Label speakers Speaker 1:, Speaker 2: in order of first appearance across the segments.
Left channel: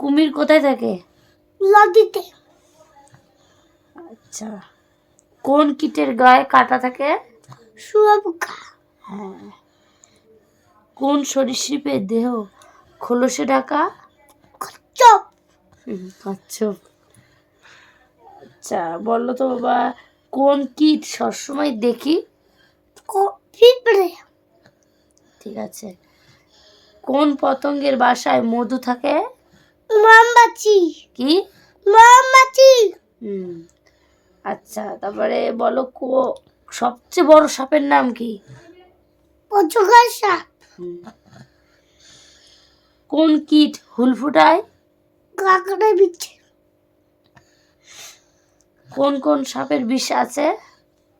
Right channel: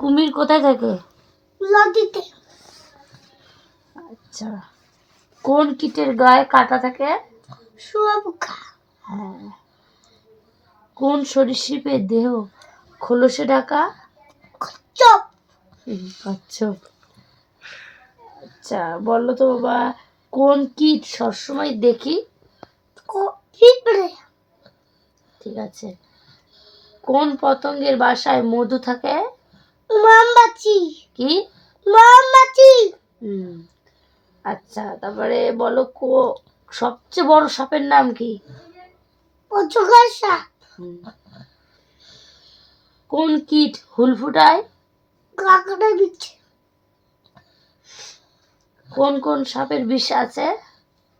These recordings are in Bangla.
Speaker 1: কুমির কোথায় থাকে?
Speaker 2: নদীতে।
Speaker 1: আচ্ছা। কোন কীটের গায়ে কাটা থাকে?
Speaker 2: শুয়োপোকা
Speaker 1: হ্যাঁ। কোন সরীসৃপের দেহ খোলসে ঢাকা?
Speaker 2: চপ।
Speaker 1: কচ্ছপ আচ্ছা বলো তো বাবা কোন কীট সবসময় দেখি?
Speaker 2: পিঁপড়ে।
Speaker 1: ঠিক আছে। কোন পতঙ্গের বাসায় মধু থাকে?
Speaker 2: মৌমাছি
Speaker 1: কি? হুম। আচ্ছা তারপরে বলো কো সবচেয়ে বড় সাপের নাম কি?
Speaker 2: অজগর সাপ।
Speaker 1: কোন কীট হুল ফুটায়?
Speaker 2: কাঁকড়া বিচ্ছে
Speaker 1: কোন কোন সাপের বিষ আছে?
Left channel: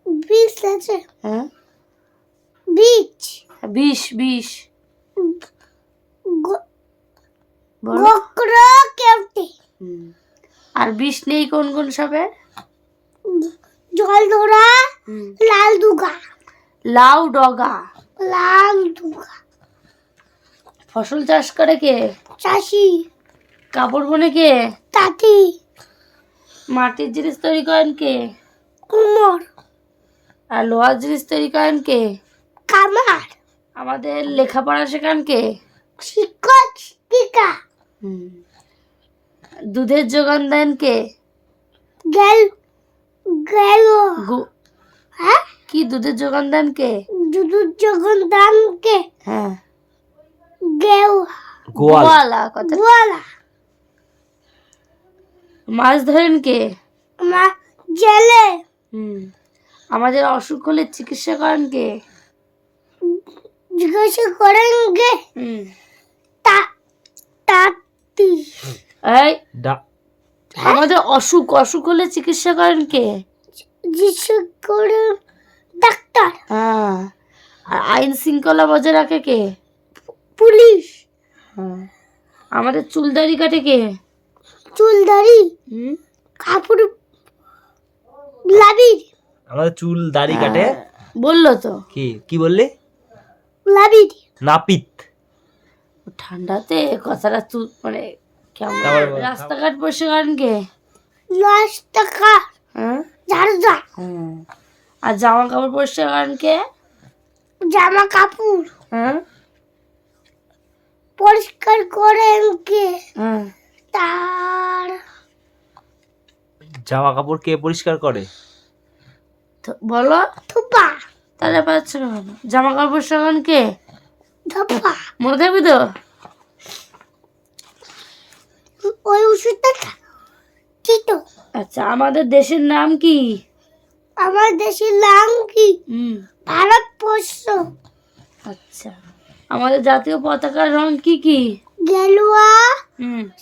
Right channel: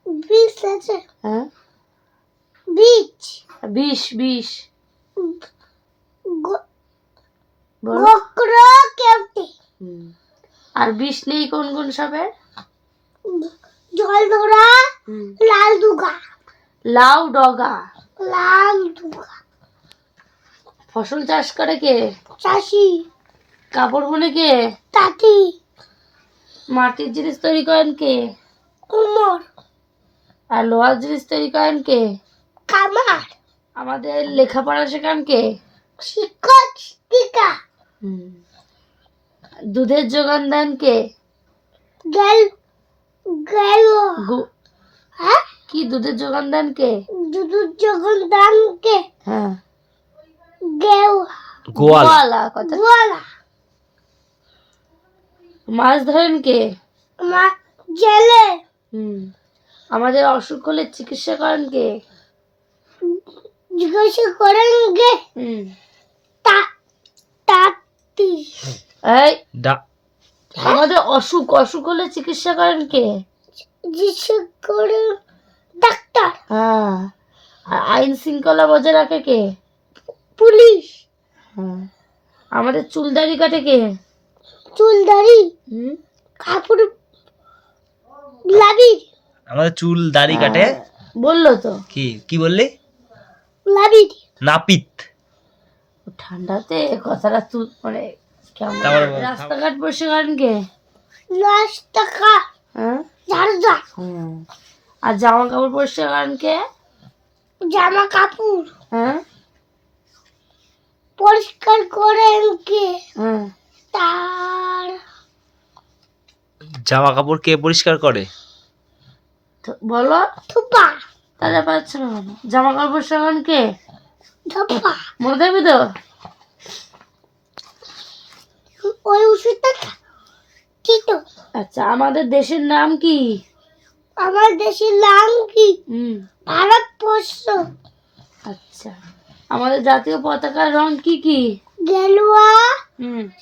Speaker 2: বিষ আছে।
Speaker 1: হ্যাঁ।
Speaker 2: বিচ।
Speaker 1: বিষ বিষ
Speaker 2: গ-
Speaker 1: বলো
Speaker 2: গোকরা কেমটি
Speaker 1: হুম। আর বিষ নেই কোন কোন সাপের?
Speaker 2: জল ধরা লাল দুগা।
Speaker 1: লাউ ডগা।
Speaker 2: লাল দুগা।
Speaker 1: ফসল চাষ করে কে?
Speaker 2: চাষি।
Speaker 1: কাপড় বনে কে?
Speaker 2: তাঁতি।
Speaker 1: মাটির জিনিস তৈরি করেন কে?
Speaker 2: কুমোর।
Speaker 1: আর লোহার জিনিস তৈরি করেন কে?
Speaker 2: কামার।
Speaker 1: আমাদের লেখাপড়া শেখান কে?
Speaker 2: শিক্ষক শিক্ষিকা।
Speaker 1: দুধের যোগান দেন কে?
Speaker 2: গেল গেল। হ্যাঁ?
Speaker 1: কি দুধের যোগান দেন কে?
Speaker 2: দুদু যখন দানকে
Speaker 1: হ্যাঁ।
Speaker 2: গেল।
Speaker 3: গোয়ালা।
Speaker 1: কথা
Speaker 2: গোয়ালা।
Speaker 1: মাছ ধরেন কে?
Speaker 2: মা জেলে।
Speaker 1: হুম। আমাদের অসুখ হলে চিকিৎসা করেন কে?
Speaker 2: জিজ্ঞাসা করেন গে
Speaker 1: হুম।
Speaker 2: তা তাঁতি
Speaker 1: এই
Speaker 3: ডা
Speaker 1: আমাদের অসুখ অসুখ হলে চিকিৎসা করেন কে?
Speaker 2: ডাক্তার।
Speaker 1: হ্যাঁ। আর আইন শৃঙ্খলা বজায় রাখে কে?
Speaker 2: পুলিশ।
Speaker 1: হ্যাঁ। আমাদের চুলদারি কাটে কে?
Speaker 2: চুলদারি?
Speaker 1: হুম।
Speaker 2: কাপড় লাবির।
Speaker 3: আমাদের চুল দাড়ি কাটে
Speaker 1: বলল তো।
Speaker 3: কি কি বললি?
Speaker 2: লাবির।
Speaker 3: নাপিত।
Speaker 1: ঠান্ডাতে কথাটা তুই মানে কেমন রাস্তাঘাট কে
Speaker 2: লাশ টাকা
Speaker 1: হ্যাঁ। হ্যাঁ। আর জামা কাপড় পরিষ্কার করেন কে
Speaker 2: জামা কাপড়
Speaker 1: হ্যাঁ।
Speaker 2: পরিষ্কার করেন কে
Speaker 1: হ্যাঁ।
Speaker 2: তার
Speaker 3: জামা কাপড় কে পরিষ্কার করে?
Speaker 1: তো বলো।
Speaker 2: থুপা।
Speaker 1: তাহলে পাচ্ছ না জামা কাপড় পরিষ্কার করেন কে? মনে থাকবে তো?
Speaker 2: ওই ওষুধটা খা। ঠিক তো
Speaker 1: আচ্ছা আমাদের দেশের নাম কি?
Speaker 2: আমার দেশের নাম কি? ভারতবর্ষ।
Speaker 1: আচ্ছা আমাদের জাতীয় পতাকার রং কি কি?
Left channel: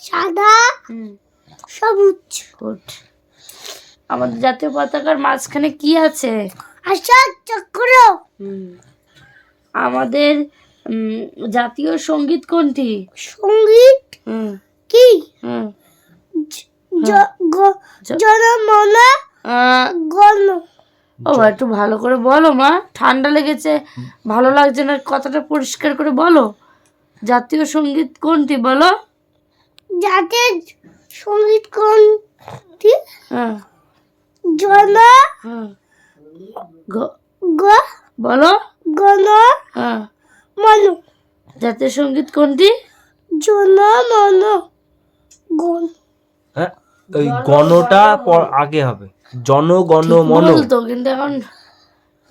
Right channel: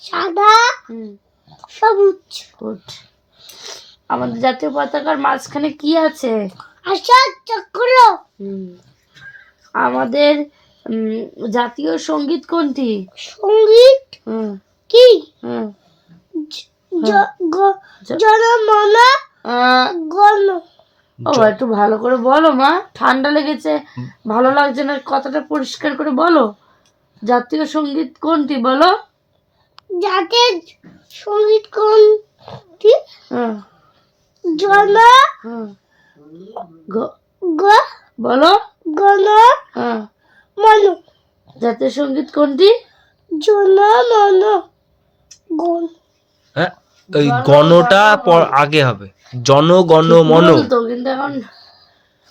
Speaker 2: সাদা সবুজ।
Speaker 1: গুড। আমাদের জাতীয় পতাকার মাঝখানে কি আছে?
Speaker 2: আশা চক্র।
Speaker 1: আমাদের জাতীয় সংগীত কোনটি?
Speaker 2: সংগীত?
Speaker 1: হুম।
Speaker 2: কি?
Speaker 1: হুম।
Speaker 2: জ- গ-
Speaker 1: জ-
Speaker 2: জনমন গণ।
Speaker 1: ও একটু ভালো করে বলো মা। ঠান্ডা লেগেছে ভালো লাগছে না কথাটা পরিষ্কার করে বলো। জাতীয় সংগীত কোনটি বলো?
Speaker 2: যাদের সংগীত কোনটি?
Speaker 1: হ্যাঁ।
Speaker 2: জন।
Speaker 1: হ্যাঁ গ-
Speaker 2: গ।
Speaker 1: বলো।
Speaker 2: গণ।
Speaker 1: হ্যাঁ।
Speaker 2: মন
Speaker 1: জাতীয় সংগীত কোনটি?
Speaker 2: জনমন গণ।
Speaker 3: হ্যাঁ ওই গণটা পর আগে হবে। জনগণ মন।
Speaker 1: কিন্তু এখন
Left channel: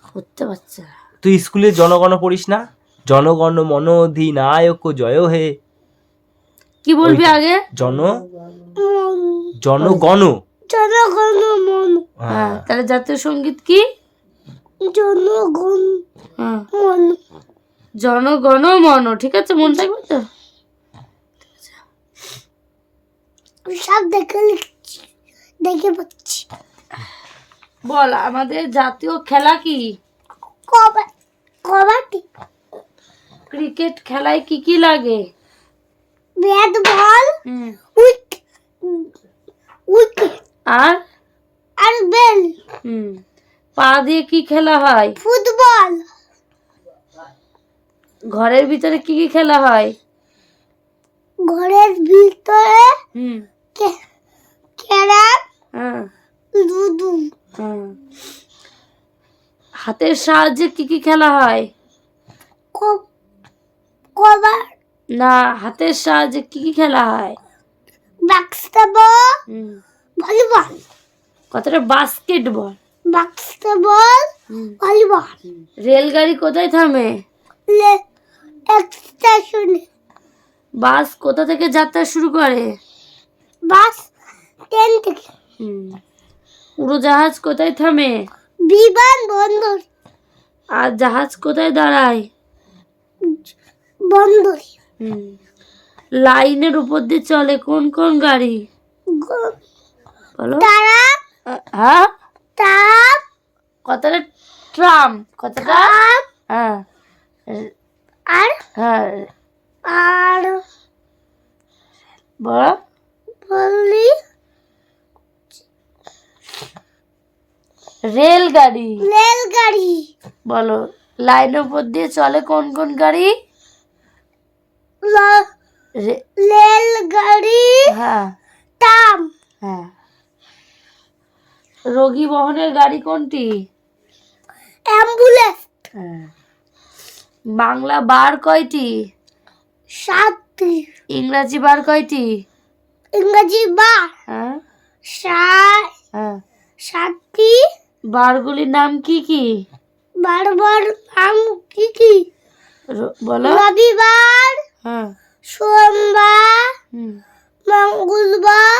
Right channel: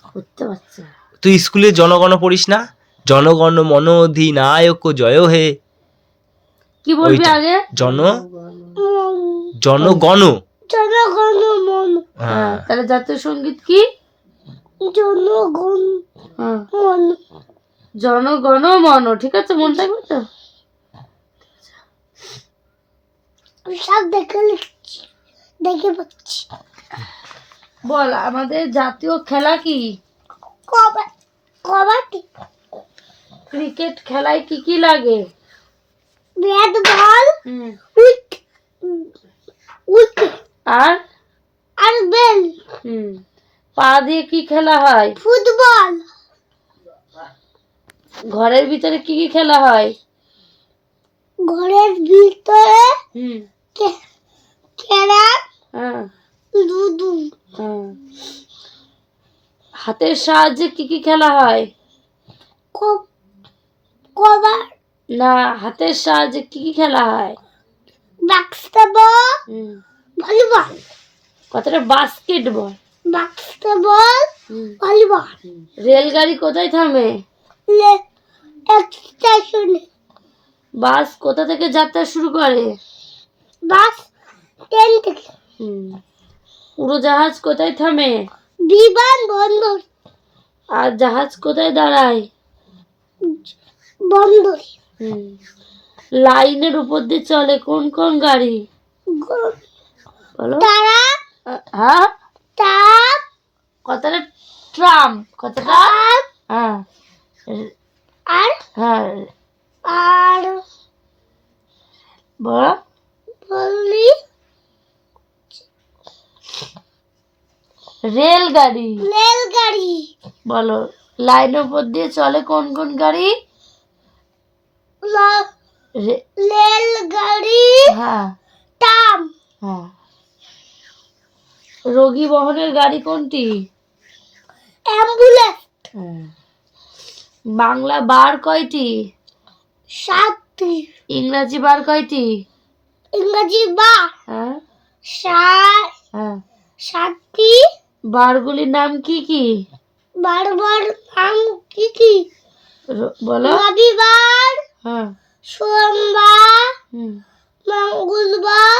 Speaker 1: করতে পারছে
Speaker 3: তুই স্কুলে জনগণ পড়িস না? জনগণ মন অধিনায়ক জয় হে।
Speaker 1: কি বলবি আগে?
Speaker 3: জন জনগণ।
Speaker 2: জনগণ মন।
Speaker 1: হ্যাঁ
Speaker 3: হ্যাঁ
Speaker 1: তাহলে জাতীয় সংগীত কি?
Speaker 2: জনগণ
Speaker 1: হ্যাঁ।
Speaker 2: মন।
Speaker 1: জনগণ মন ঠিক আছে? মন থাকবে তো?
Speaker 2: সব দেখে দেখে পাচ্ছি
Speaker 1: বল আমাদের জাতীয় খেলা কি?
Speaker 2: কবাডি।
Speaker 1: ক্রিকেট খেলায় কি কি লাগে?
Speaker 2: ব্যাট বল
Speaker 1: হুম।
Speaker 2: উইক
Speaker 1: আর?
Speaker 2: আর বেল।
Speaker 1: হুম। পা দিয়ে কি খেলা হয়?
Speaker 2: ফুটবল।
Speaker 1: ঘরের ভিতরে কি কি খেলা হয়?
Speaker 2: ঘরের ভিতরে ক্যারাম
Speaker 1: হ্যাঁ।
Speaker 2: দুদু
Speaker 1: হ্যাঁ। হাতের সাহায্যে কি কি খেলা হয়?
Speaker 2: কবার
Speaker 1: না হাতের সাহায্যে কি কি খেলা হয়?
Speaker 2: বাস্কেটবল। ভলিবল।
Speaker 1: কতটা? বাস্কেটবল।
Speaker 2: Basketball volleyball.
Speaker 1: রেলগাড়ি কোথায় থামে?
Speaker 2: স্টেশনে
Speaker 1: বাস কোথা থেকে যাত্রা শুরু করে?
Speaker 2: বাস ট্রেন থেকে।
Speaker 1: উড়োজাহাজ কোথায় থামে?
Speaker 2: বিমান বন্দর।
Speaker 1: আর জাহাজ কোথায় দাঁড়ায়?
Speaker 2: বন্দর।
Speaker 1: হুম। লাইনের উপর দিয়ে চলে কোন কোন গাড়ি?
Speaker 2: তারা
Speaker 1: হ্যাঁ?
Speaker 2: তাপ
Speaker 1: কতটা ট্রাম। কতটা
Speaker 2: আর?
Speaker 1: হ্যাঁ।
Speaker 2: আর?
Speaker 1: বলো
Speaker 2: বললি?
Speaker 1: রেলগাড়ি।
Speaker 2: রেলগাড়ি।
Speaker 1: বলো লাইনের উপর দিয়ে চলে কোন কোন গাড়ি?
Speaker 2: রেলগাড়ি।
Speaker 1: হ্যাঁ।
Speaker 2: তাম
Speaker 1: হ্যাঁ। রোগী বহনের গাড়ি কোনটি?
Speaker 2: অ্যাম্বুলেন্স।
Speaker 1: হ্যাঁ। বাংলা বার কয়টি?
Speaker 2: সাতটি।
Speaker 1: ইংরাজি বার কয়টি?
Speaker 2: ইংরাজি বার।
Speaker 1: হ্যাঁ।
Speaker 2: সাত
Speaker 1: হ্যাঁ।
Speaker 2: সাতটি।
Speaker 1: বারগুলির নাম কি কি?
Speaker 2: বারবার নাম কি কি?
Speaker 1: বলো।
Speaker 2: রবিবার
Speaker 1: হ্যাঁ।
Speaker 2: সোমবার মঙ্গলবার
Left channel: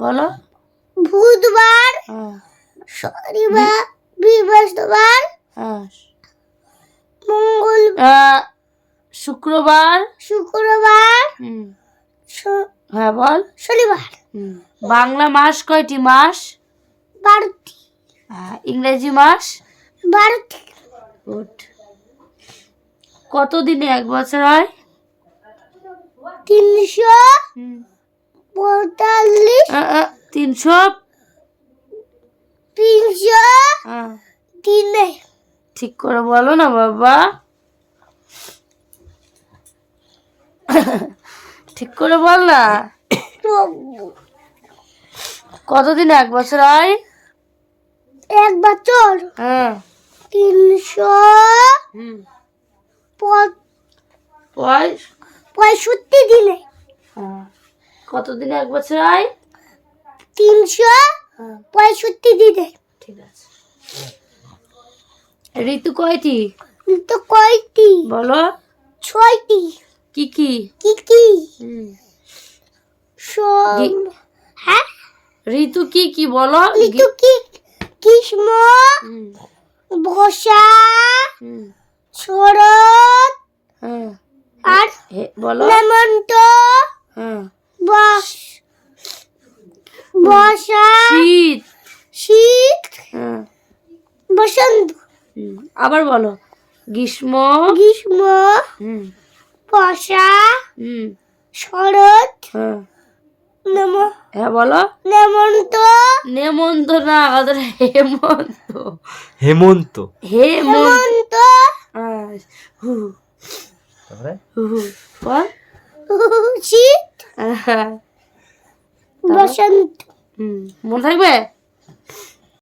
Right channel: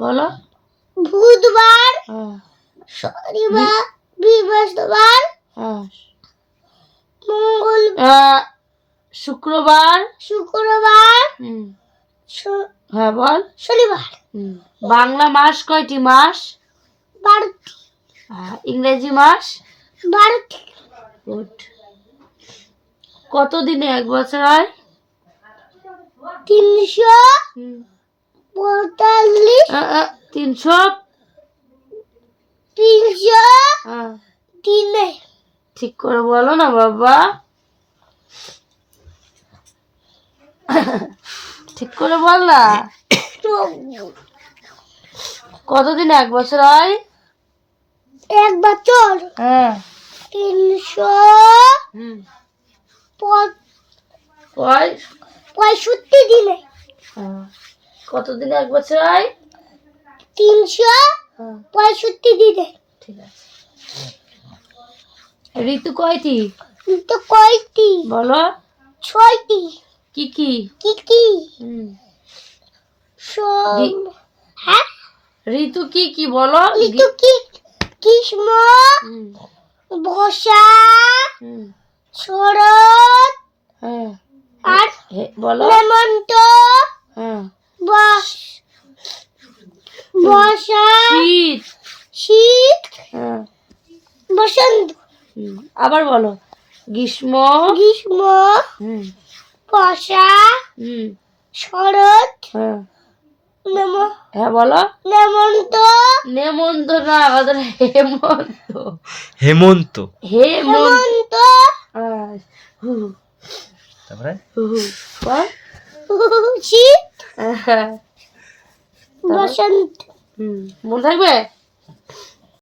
Speaker 1: বলো।
Speaker 2: বুধবার
Speaker 1: হ্যাঁ।
Speaker 2: শনিবার বৃহস্পতিবার
Speaker 1: শুক্রবার।
Speaker 2: শুক্রবার।
Speaker 1: হ্যাঁ বল।
Speaker 2: শনিবার।
Speaker 1: বাংলা মাস কয়টি মাস?
Speaker 2: বারোটি।
Speaker 1: হ্যাঁ, ইংরেজি মাস?
Speaker 2: বারোটি।
Speaker 1: গুড। কত দিনে এক বছর হয়?
Speaker 2: তিনশো পঁয়তাল্লিশ।
Speaker 1: তিনশো?
Speaker 2: তিনশো
Speaker 1: আহ,
Speaker 2: দিনে।
Speaker 1: ঠিক করে বলো না বাবা। ঠিক করে বল না। কতদিন এক বছর হয়?
Speaker 2: এক বছর।
Speaker 1: হ্যাঁ।
Speaker 2: তিনশো পঁয়ষট্টি দিনে।
Speaker 1: হ্যাঁ। কতদিন এক বছর হয়?
Speaker 2: তিনশো
Speaker 1: হ্যাঁ।
Speaker 2: পঁয়ষট্টি দিনে।
Speaker 1: ঠিক আছে। ঋতু কয়টি?
Speaker 2: তো কয়টি?
Speaker 1: বলো।
Speaker 2: ছয়টি।
Speaker 1: কি কি
Speaker 2: কি কি
Speaker 1: হুম।
Speaker 2: সোম হ্যাঁ
Speaker 1: ঋতু কি কি বলো
Speaker 2: ঋতু কি গ্রীষ্ম
Speaker 1: হুম,
Speaker 2: বর্ষা
Speaker 1: হুম,
Speaker 2: শরৎ আর
Speaker 1: বলো।
Speaker 2: হেমন্ত বস বর্ষা
Speaker 1: শীত।
Speaker 2: শীত।
Speaker 1: হ্যাঁ।
Speaker 2: বসন্ত।
Speaker 1: আবার বলো। গ্রীষ্ম।
Speaker 2: গ্রীষ্ম।
Speaker 1: হুম
Speaker 2: বর্ষা
Speaker 1: হুম।
Speaker 2: শরৎ
Speaker 1: হ্যাঁ।
Speaker 2: নেম
Speaker 1: হ্যাঁ বলো।
Speaker 2: নেমন্ত।
Speaker 1: নেমন্ত না আমাদের হেমন্ত।
Speaker 3: হেমন্ত।
Speaker 1: হেমন্ত। হ্যাঁ,
Speaker 3: তারপরে?
Speaker 2: শীত।
Speaker 1: হ্যাঁ।
Speaker 2: বসন্ত।
Speaker 1: হুম। মনে থাকবে?